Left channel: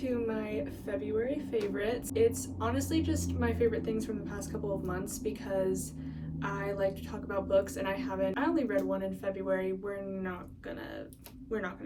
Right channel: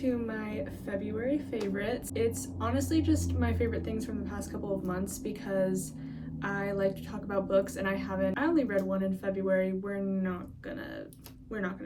to my February favorites. It's honestly just my favorite things from the past couple of months because I like to talk about books and I only read one in February. We're not gonna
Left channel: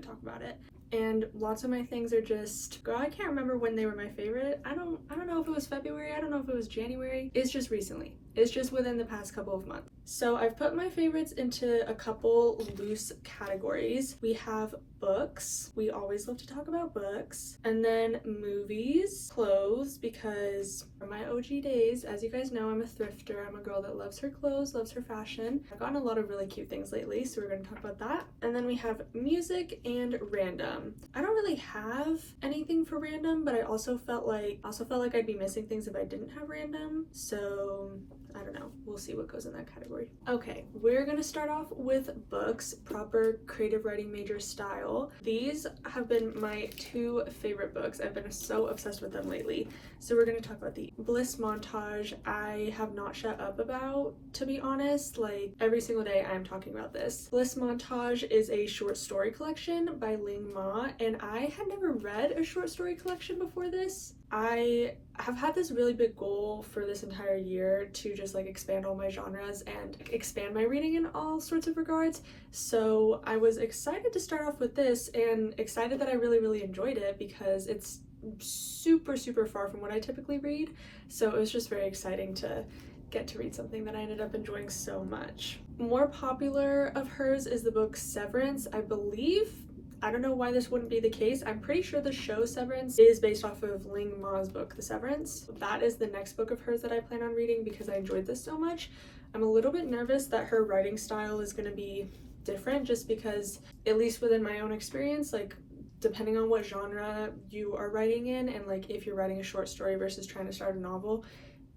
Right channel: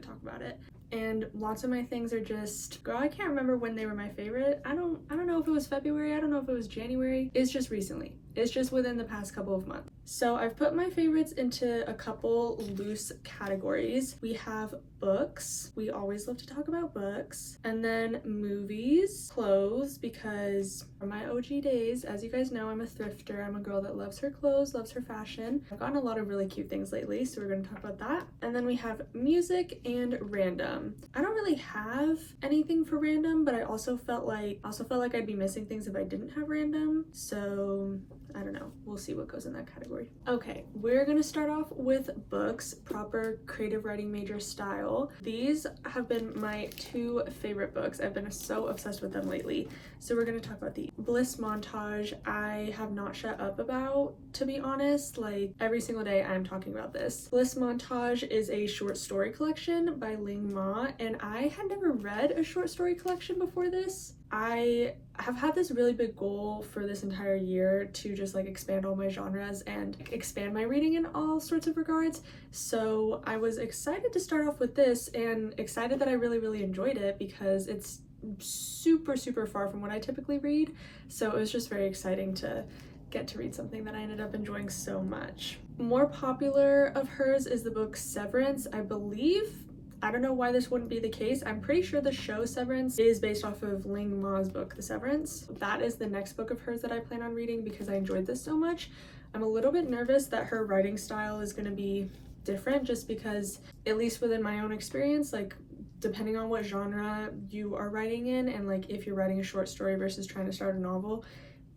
talk about it. And lots of my things are just, girl, I can't remember when they were my favorite. I don't know if it was February, I don't know if it was January. It's just recently. It's just within the past couple of months. So I've put my favorites into a couple loose categories. We have books. We always love to talk about books. And then movies, clothes, because from my OG days, as you guys know, I'm a thrifter. I'm a girl that loves her clothes, loves her fashion. I've gotten a lot of really cute things lately, so we're going to talk about that. And then we have music and random. I don't really have anything for random, but I also felt like I'd be missing things if I didn't have random. So I don't know. We'll see what goes in that category. Okay, we're gonna start off with books, proper creative writing major style. These have been my two favorite books. I've been so obsessed with them lately. So we're gonna talk about the Bliss Montage. I have not shut up about, to be honest. Like every single day I'm talking about this. Bliss Montage is a short story collection by Ling Ma, and I had never read a short story collection before this. I have had this really big goal for this entire year to just like expand all my genres and expand my reading in all sorts of regards. So I was excited to start off with this and excited that I really enjoyed it because it's super far from what I typically read. So it was just very exciting to get to read something that I ended up enjoying so much. More popular of hers is the book Severance, I believe. I don't know why this wouldn't be the case. I'm pretty sure the show Severance is based off of Ling Ma's book, The Severance. That is the next book of hers that I plan on reading because I enjoyed this so much. I'm a little bit nervous that her writing style is going to be different just because, at least within my own experience, like depending on what genre you are writing in and like if you're writing a short story versus trying to start a novel,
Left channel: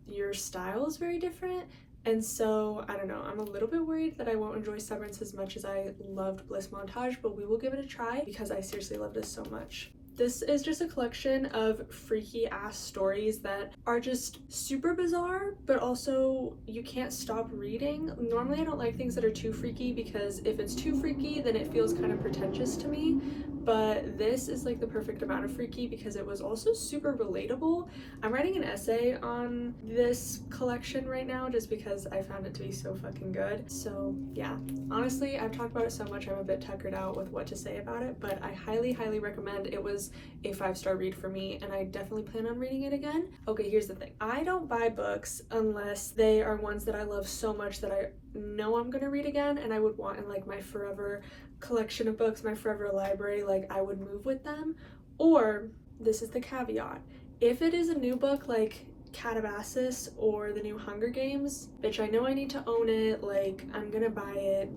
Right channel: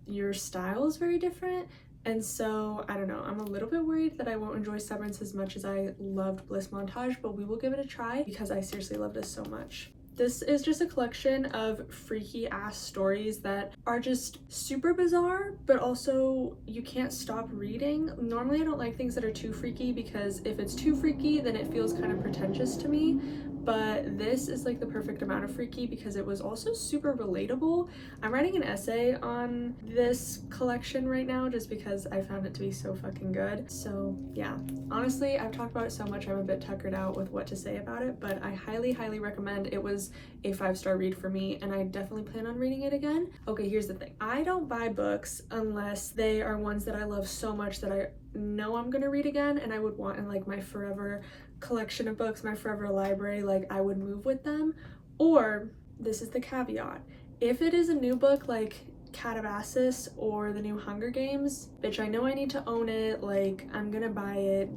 your style is very different. And so, I don't know, I'm a little bit worried that I won't enjoy Severance as much as I loved Bliss Montage, but we will give it a try because I seriously love this so much. This is just a collection of freaky ass stories that are just super bizarre, but also you can't stop reading. Normally I don't like things that are too freaky because if it's too freaky, then it feels kind of pretentious to me. But this is like the perfect amount of freaky because it was also super relatable. I'm writing an essay on this collection right now just because I found it to be so fucking good. So yeah, honestly, I've talked about it so much I'm a bit tuckered out with what to say about it, but I highly recommend. It was a 5-star read for me and I definitely plan on reading it again. Okay, here's the thing. I don't buy books unless they are ones that I love so much that I know I'm gonna read again and I would want in like my forever collection of books, my forever library, like I would move with them. Or, this is the caveat, if it is a new book like Calabasas or the new Hunger Games, bitch, I know I need to own it, like I'm gonna buy it.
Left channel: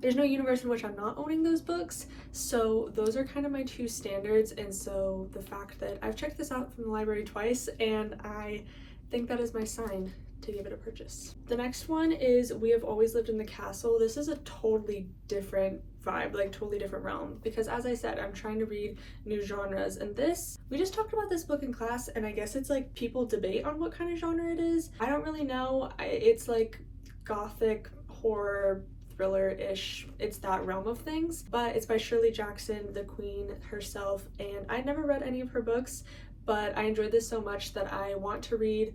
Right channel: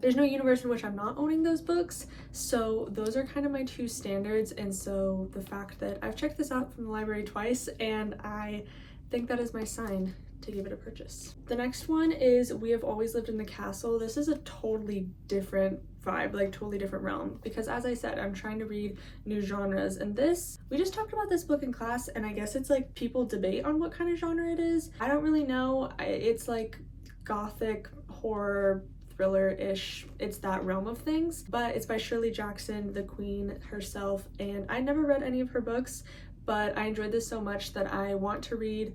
There's no universe in which I'm not owning those books, so those are kind of my two standards. And so the fact that I've checked this out from the library twice and I think that is my sign to give it a purchase. The next one is We Have Always Lived in the Castle. This is a totally different vibe, like totally different realm, because as I said, I'm trying to read new genres, and we just talked about this book in class, and I guess it's like people debate on what kind of genre it is. I don't really know. It's like gothic horror thriller-ish, it's that realm of things, but it's by Shirley Jackson, the queen herself, and I never read any of her books, but I enjoyed this so much that I want to read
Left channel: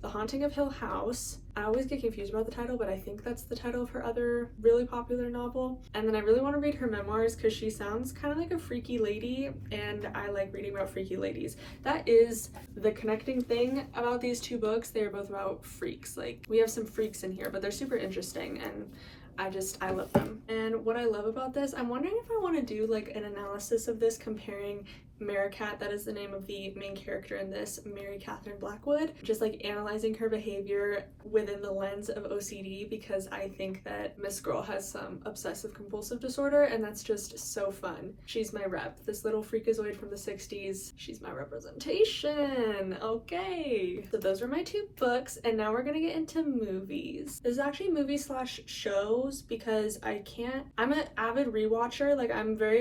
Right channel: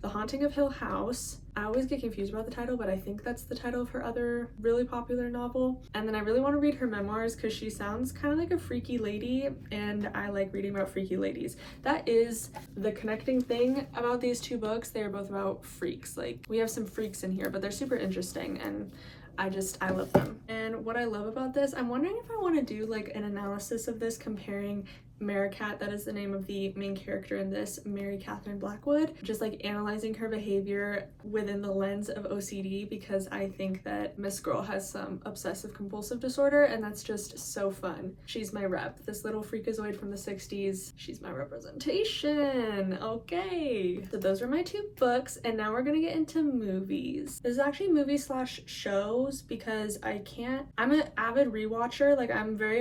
The Haunting of Hill House. I always get confused about the title, but I think that's the title of her other really popular novel. And then I really want to read her memoirs because she sounds kind of like a freaky lady, and I like reading about freaky ladies. That is the connecting thing about these two books. They are both about freaks. Like, we have some freaks in here, but they're super interesting, and I love them. And what I love about this, I'm wondering if I want to do like an analysis of this comparing Merricat, that is the name of the main character in this, Mary Catherine Blackwood, just like analyzing her behavior within the lens of OCD, because I think that Miss Girl has some obsessive compulsive disorder, and that's just so fun. She's my rep. This little freakazoid from the 60s, she's my representation. Okay, so those are my two books, and now we're gonna get into movies. This is actually movies slash shows because I'm an avid rewatcher. Like, I'm very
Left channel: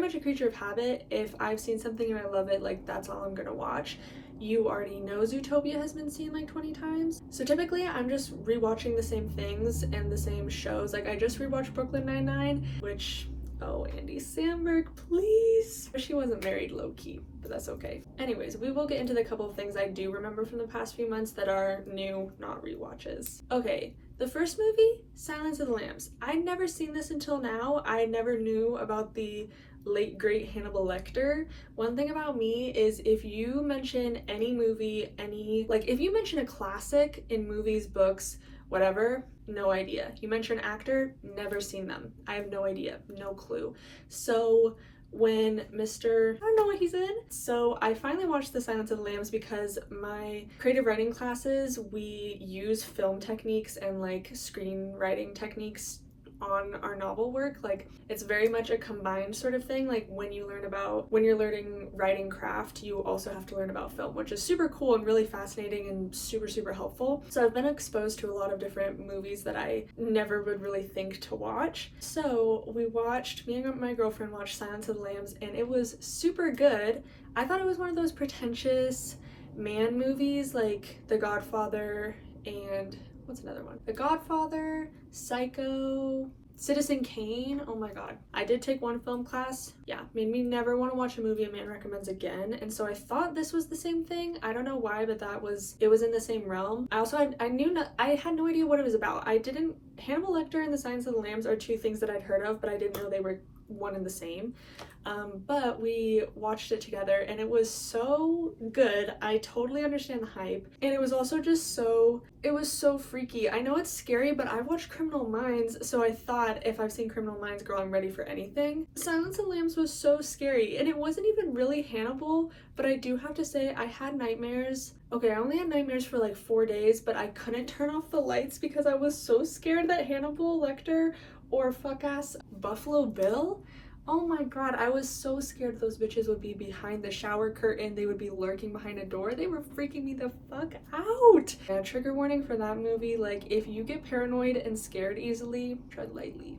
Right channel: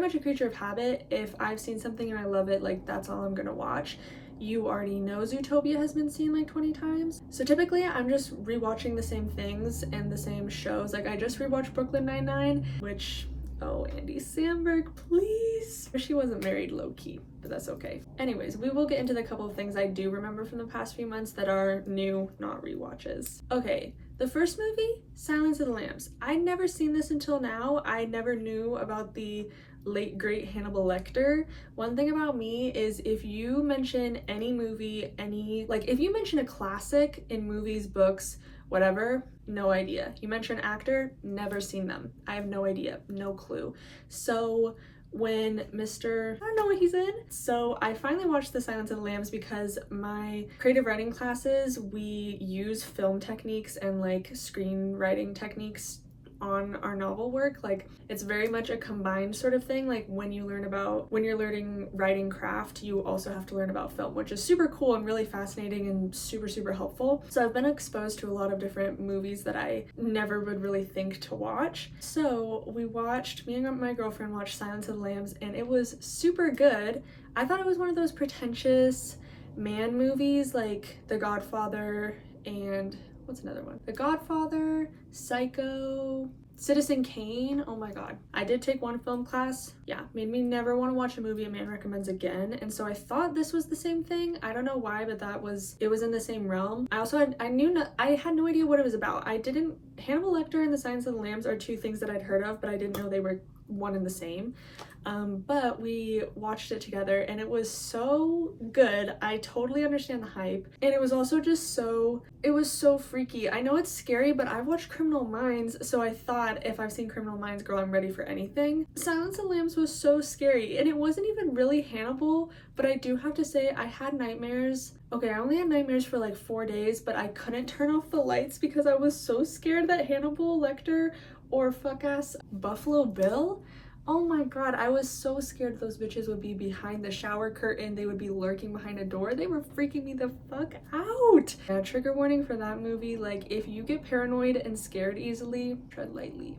much a creature of habit. If I've seen something and I love it, like that's all I'm gonna watch. You already know Zootopia has been seen like 20 times. So typically I'm just rewatching the same things and the same shows. Like, I just rewatched Brooklyn Nine-Nine, which Oh, Andy Samberg, please. She wasn't married low-key, but that's okay. Anyways, we will get into the couple of things I do remember from the past few months that are new, not rewatches. Okay, the first movie, Silence of the Lambs. I'd never seen this until now. I never knew about the late great Hannibal Lecter. One thing about me is if you mention any movie, if you mention a classic in movies, books, whatever, no idea. You mention an actor, never seen them. I have no idea, no clue. So when I don't know what he's in. So I finally watched The Silence of the Lambs because my creative writing classes, we use film techniques and like screenwriting techniques on our novel work. Like it's very much a combined sort of thing. Like when you're learning writing craft, you also have to learn about film, which is super cool and really fascinating and super helpful. So I've been exposed to a lot of different movies that I never would really think to watch. So me and my girlfriend watched Silence of the Lambs, and it was super good. I thought it was one of those pretentious man movies like The Godfather and what's another one? The Godfather, Psycho, Citizen Kane. Oh my god. I did take one film class. Yeah, made me never want to watch a movie a man recommends again. And so I thought this was the same thing. I don't know why, but it was in the same realm. I had no idea what it was about. Hannibal Lecter and The Silence of the Lambs are two things that I'd heard of, but I didn't know they were one and the same. But we watched it together and it was so good. I totally understand the hype, and it was also it was so freaky. I know it's scary, but I've watched Criminal Minds, so I thought if I've seen Criminal Minds, girl, I'm ready for anything. Silence of the Lambs was so scary, and it wasn't even really Hannibal, but I do have to say I had nightmares. Okay, I only had nightmares for like 4 days, but I couldn't turn off the lights because I was so scared that Hannibal Lecter or fuck-ass Buffalo Bill, oh my god, I was so scared those bitches would be behind the shower curtain. They would be lurking behind a door. They were freaking me the fuck out. Now, trigger warning for that movie, like if you get paranoid and scared easily, tread lightly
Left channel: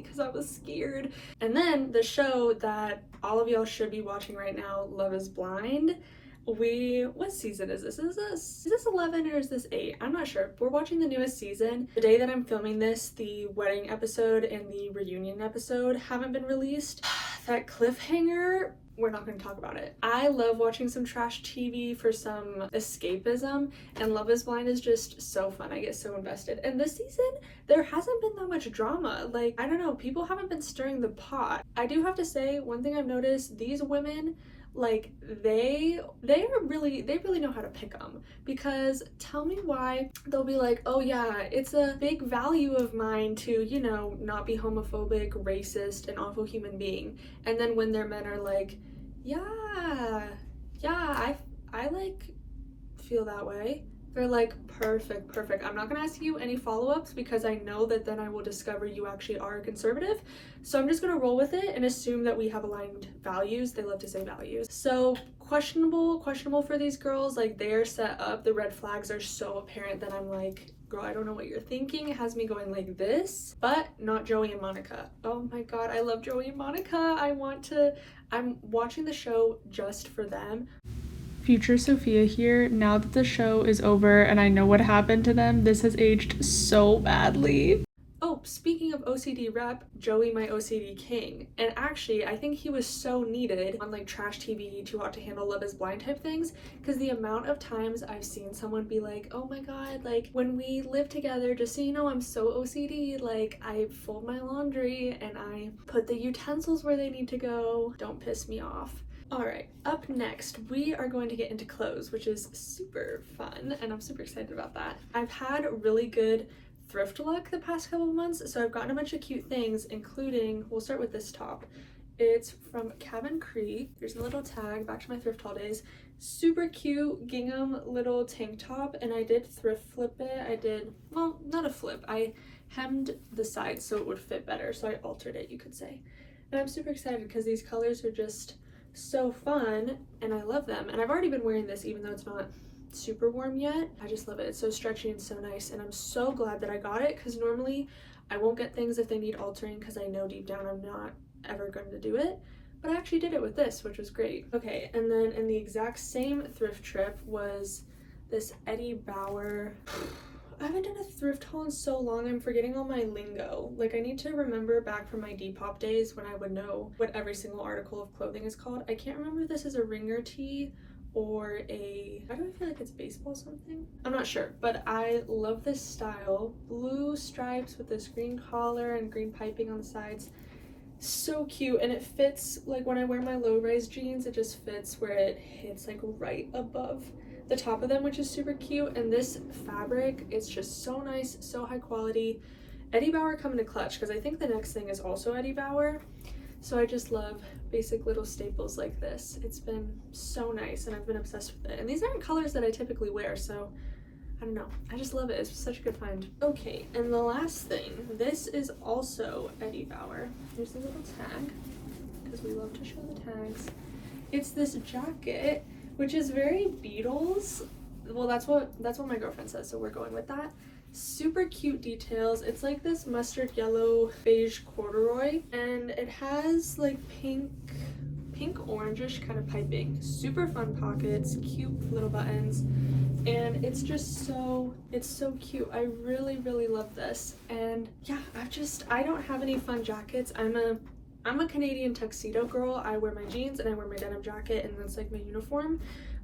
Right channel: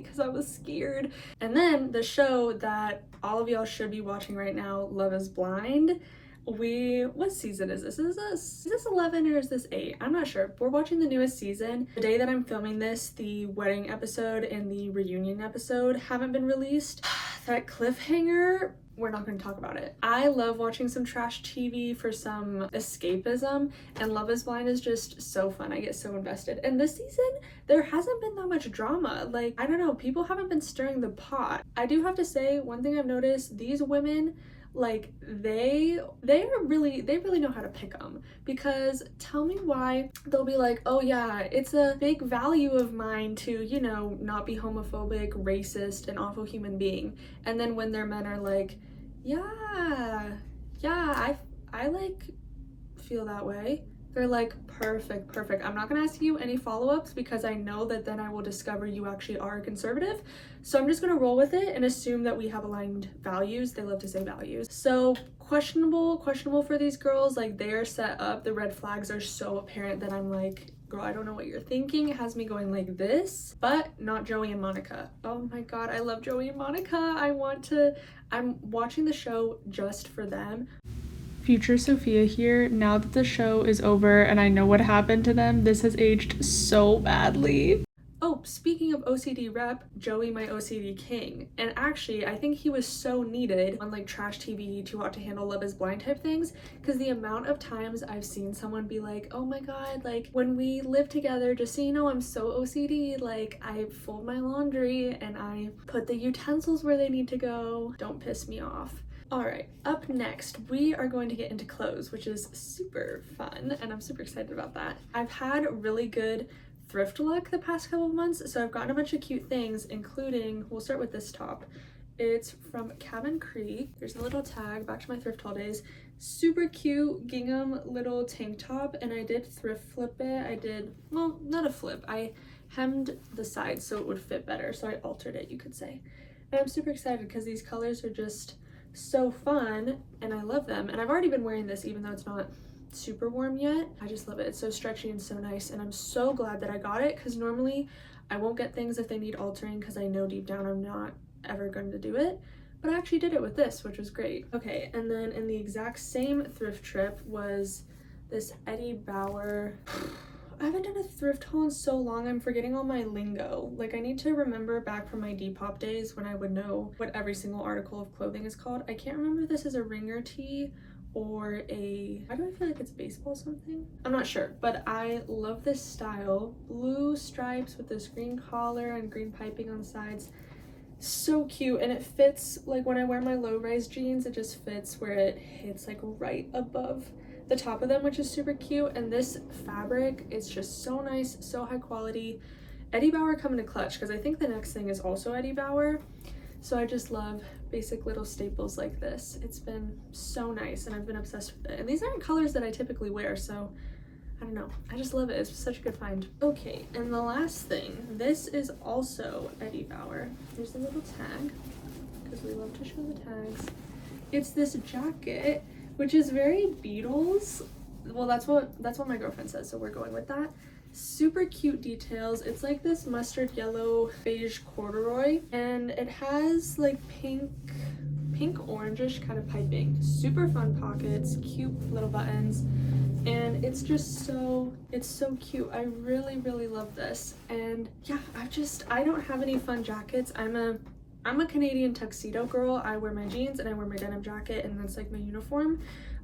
because I was scared. And then the show that all of y'all should be watching right now, Love is Blind. What season is this? Is this 11 or is this 8? I'm not sure. We're watching the newest season. The day that I'm filming this, the wedding episode and the reunion episode haven't been released. That cliffhanger, we're not going to talk about it. I love watching some trash TV for some escapism, and Love is Blind is just so fun. I get so invested. And this season, there hasn't been that much drama. Like, I don't know, people haven't been stirring the pot. I do have to say, one thing I've noticed, these women, like they really know how to pick them, because tell me why they'll be like, oh yeah, it's a big value of mine to, you know, not be homophobic, racist, an awful human being, and then when their men are like, yeah, I like feel that way, they're like, perfect, I'm not gonna ask you any follow-ups because I know that then I will discover you actually are a conservative. So I'm just gonna roll with it and assume that we have aligned values. They love to say values. So questionable for these girls. Like, they're set up, the red flags are so apparent that I'm like, girl, I don't know what you're thinking. It has me going like this, but not Joey and Monica. Oh my god, I love Joey and Monica. I'm watching the show just for them. Future Sophia here. Now that the show is over and I know what happened to them, this has aged so badly. Oh, speaking of OCD rep, Joey, my OCD king. And actually, I think he was so needed on like trash TV, Too Hot to Handle, Love is Blind type things, because the amount of times I've seen someone be like, oh my god, like when we live together, just so you know, I'm so OCD, like I fold my laundry and I put the utensils where they need to go. Don't piss me off. Alright, up next, we are going to get into clothes, which is super fun, and I'm super excited about that. I've had really good thrift luck the past couple of months, so I've gotten a bunch of cute things, including, we'll start with this top. It's from Cabin Creek. There's a little tag, back to my thrift haul days. Super cute gingham little tank top, and I did thrift flip it. Well, not a flip. I hemmed the sides so it would fit better, so I altered it, you could say. And I'm super excited because these colors are just so fun and I love them, and I've already been wearing this even though it's not super warm yet. I just love it. It's so stretchy and so nice, and I'm so glad that I got it, because normally I won't get things if they need altering because I know deep down I'm not ever going to do it, but I actually did it with this, which was great. Okay, and then in the exact same thrift trip was this Eddie Bauer, I haven't done a thrift haul in so long, I'm forgetting all my lingo. Like, I need to remember back from my Depop days when I would know what every single article of clothing is called. I can't remember if this is a ringer tee or a, why do I feel like it's baseball something? I'm not sure, but I love this style. Blue stripes with this green collar and green piping on the sides. So cute, and it fits, like when I wear my low-rise jeans, it just fits where it hits like right above the top of them, which is super cute. And this fabric is just so nice, so high quality. Eddie Bauer come in a clutch, because I think the next thing is also Eddie Bauer. So I just love basic little staples like this. It's been so nice, and I've been obsessed with it. And these aren't colors that I typically wear, so I don't know. I just love it. It's such a good find. Okay, and the last thing. This is also Eddie Bauer. Here's a little tag, because we love to show the tags. It's this jacket, which is very Beatles. Well, that's what my girlfriend says, so we're going with that. Super cute details. It's like this mustard yellow beige corduroy, and it has like pink orangish kind of piping. Super fun pockets, cute little buttons, and it's just so cute. I really love this. And yeah, I don't have any fun jackets. I'm a Canadian tuxedo girl. I wear my jeans and I wear my denim jacket, and that's like my uniform.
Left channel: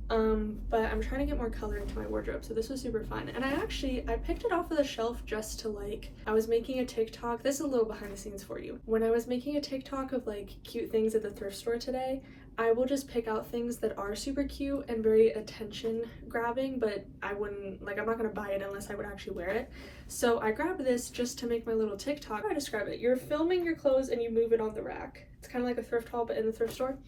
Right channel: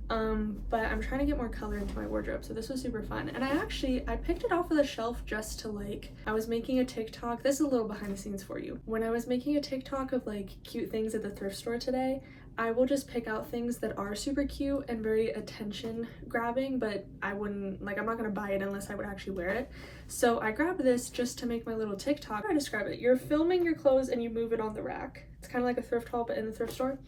But I'm trying to get more color into my wardrobe, so this was super fun. And I picked it off of the shelf just to like, I was making a TikTok. This is a little behind the scenes for you. When I was making a TikTok of like cute things at the thrift store today, I will just pick out things that are super cute and very attention grabbing, but I'm not gonna buy it unless I would actually wear it. So I grabbed this just to make my little TikTok. How do I describe it? You're filming your clothes and you move it on the rack. It's kind of like a thrift haul, but in the thrift store.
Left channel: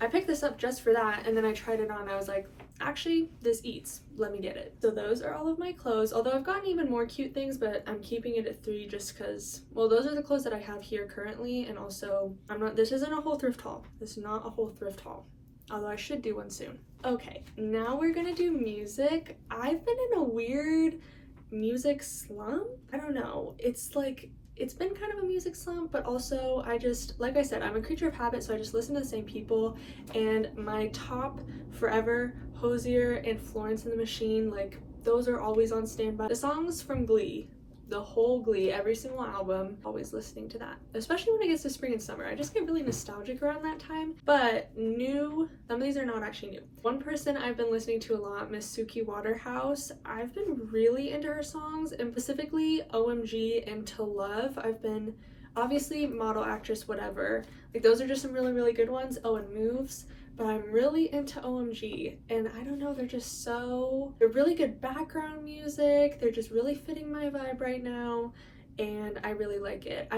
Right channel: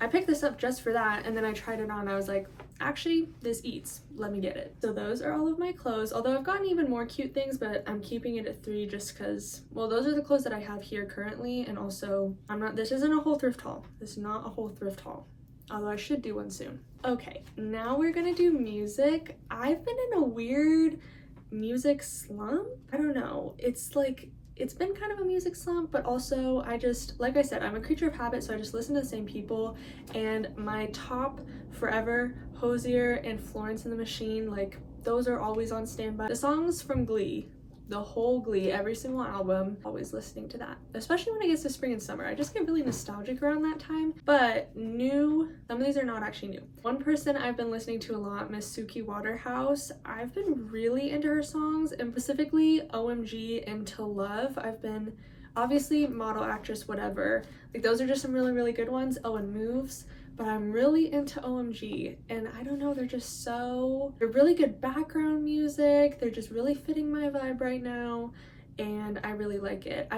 I picked this up just for that, and then I tried it on and I was like, actually, this eats. Let me get it. So those are all of my clothes, although I've gotten even more cute things, but I'm keeping it at 3 just because, well, those are the clothes that I have here currently, and also, this isn't a whole thrift haul. This is not a whole thrift haul, although I should do one soon. Okay, now we're gonna do music. I've been in a weird music slump. I don't know. It's been kind of a music slump, but also like I said, I'm a creature of habit, so I just listen to the same people. And my top forever, Hozier and Florence and the Machine, like those are always on standby. The songs from Glee, the whole Glee, every single album, always listening to that. Especially when it gets to spring and summer. I just get really nostalgic around that time. But some of these are not actually new. One person I've been listening to a lot, Miss Suki Waterhouse. I've been really into her songs, and specifically OMG and To Love. I've been, obviously, model, actress, whatever. Like those are just some really good ones. Oh, and Moves. But I'm really into OMG, and I don't know, they're really good background music. They're just really fitting my vibe right now, and I really like it.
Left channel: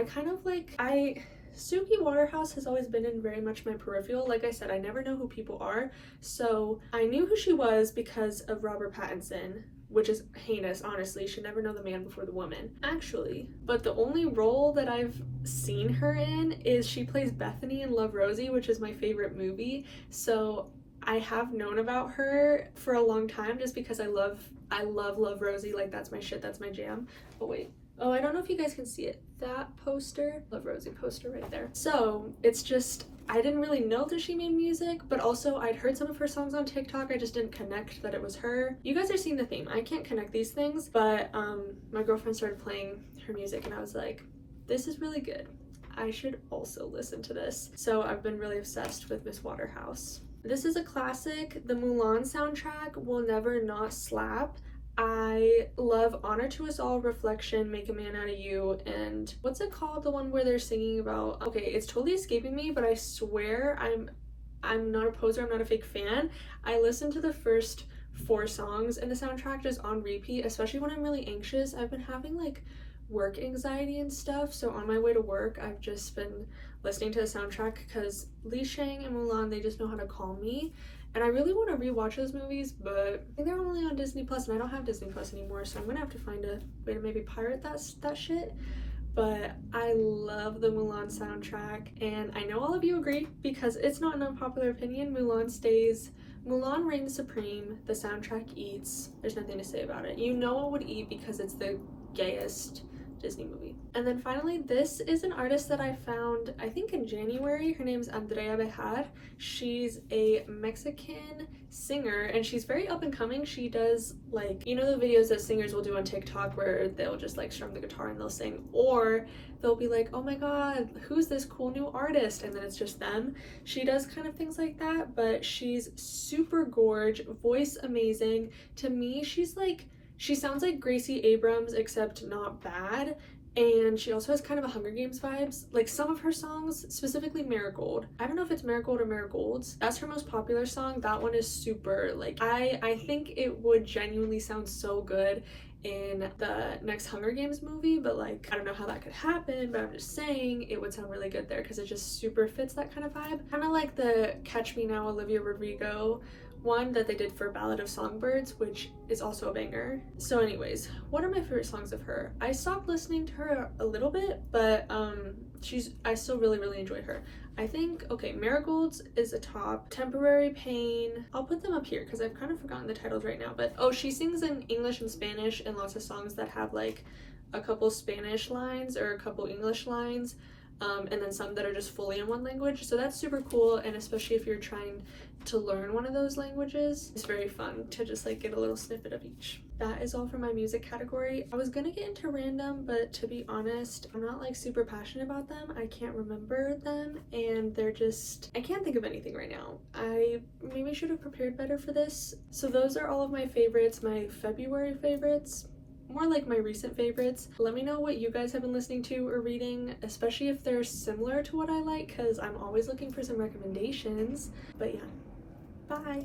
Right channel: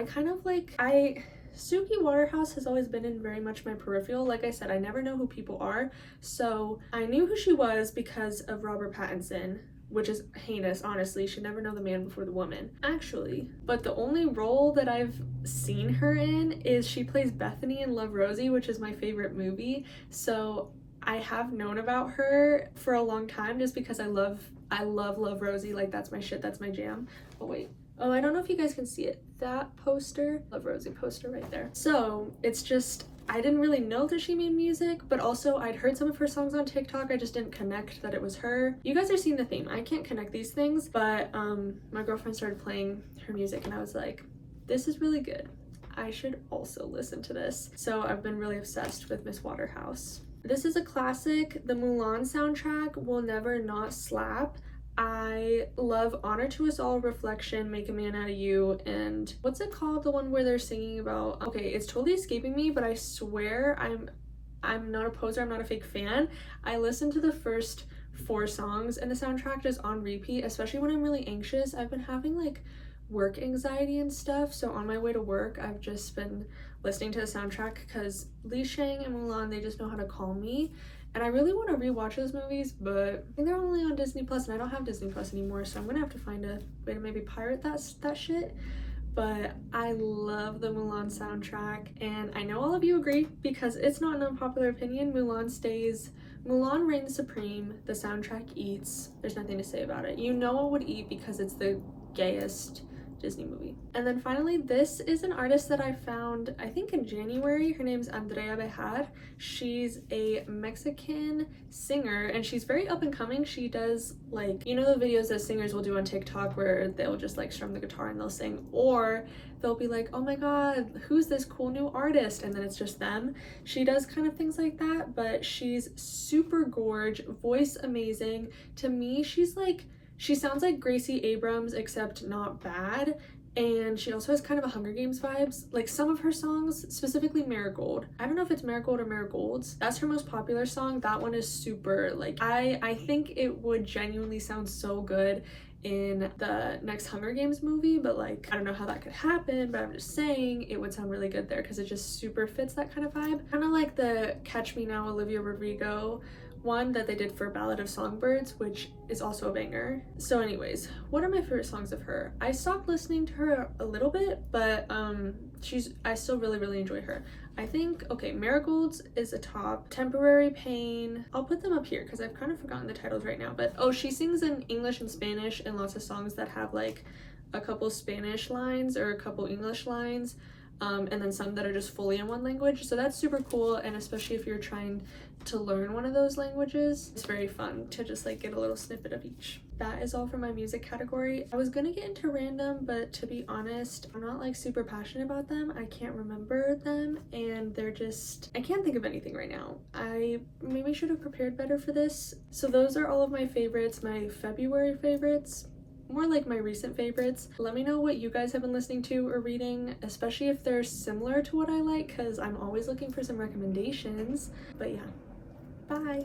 Suki Waterhouse has always been in very much my peripheral. Like I said, I never know who people are, so I knew who she was because of Robert Pattinson, which is heinous, honestly. You should never know the man before the woman, actually. But the only role that I've seen her in is she plays Bethany in Love, Rosie, which is my favorite movie. So I have known about her for a long time just because I love Love, Rosie. Like that's my shit, that's my jam. Oh wait, oh, I don't know if you guys can see it. That poster, Love, Rosie poster right there. So it's just, I didn't really know that she made music, but also I'd heard some of her songs on TikTok. I just didn't connect that it was her. You guys are seeing the theme. I can't connect these things, but my girlfriend started playing her music and I was like, this is really good. I should also listen to this. So I've been really obsessed with Miss Waterhouse. This is a classic. The Mulan soundtrack will never not slap. I love Honor to Us All, Reflection, Make a Man Out of You, and what's it called? The one where they're singing about, okay, it's totally escaping me, but I swear I'm not a poser, I'm not a fake fan. I listened to the first 4 songs in the soundtrack just on repeat, especially when I'm really anxious. I've been having like work anxiety and stuff, so on my way to work I've just been listening to the soundtrack because Li Shang and Mulan, they just know how to calm me. And I really want to rewatch those movies, but I think they're only on Disney Plus, and I don't have Disney Plus anymore, so I'm gonna have to find a way to maybe pirate that shit. But I love the Mulan soundtrack, and I know all of you agree because it's not an unpopular opinion. Mulan reigns supreme. The soundtrack eats. There's nothing to say about it. You know it would eat because it's the gayest Disney movie. And then finally, this is an artist that I found, I think in January. Her name's Andrea Bejar. She's a Mexican singer and she's very up and coming. She does like, you know, the videos that singers will do on TikTok where they'll just like strum the guitar and they'll sing, or they'll be like, oh my god, who's this cool new artist, and then it's just them. She does kind of things like that, but she's super gorge, voice amazing. To me, she's like, she sounds like Gracie Abrams except not bad, and she also has kind of a Hunger Games vibes. Like some of her songs, specifically Marigold, I don't know if it's Marigold or Marigolds, that's her most popular song. That one is super like, I think it would genuinely sound so good in the next Hunger Games movie, but like I don't know how that could happen, but I'm just saying it would sound really good there because it just super fits that kind of vibe. Kind of like the Catch Me Now Olivia Rodrigo one that they did for Ballad of Songbirds, which is also a banger. So anyways, what are my favorite songs of her? I stopped listening to her a little bit, but I still really enjoy her. I think, okay, Marigolds is a top. Temporary Pain, I'll put them up here because I've kind of forgotten the titles right now, but oh, she sings in English and Spanish and lots of songs that have like a couple Spanish lines or a couple English lines, and then some that are just fully in one language, so that's super cool. And especially if you're trying to learn one of those languages, it's very fun to just like get a little snippet of each. That is all for my music category. I was gonna get into random, but to be honest, I'm not like super passionate about them. I can't remember them and they're just, I can't think of anything right now. I maybe should have prepared better for this. So those are all of my favorites, my February favorites, more like my recent favorites. Let me know what you guys have been listening to or reading, especially if they're similar to what I like, because I'm always looking for some recommendations. But yeah, bye.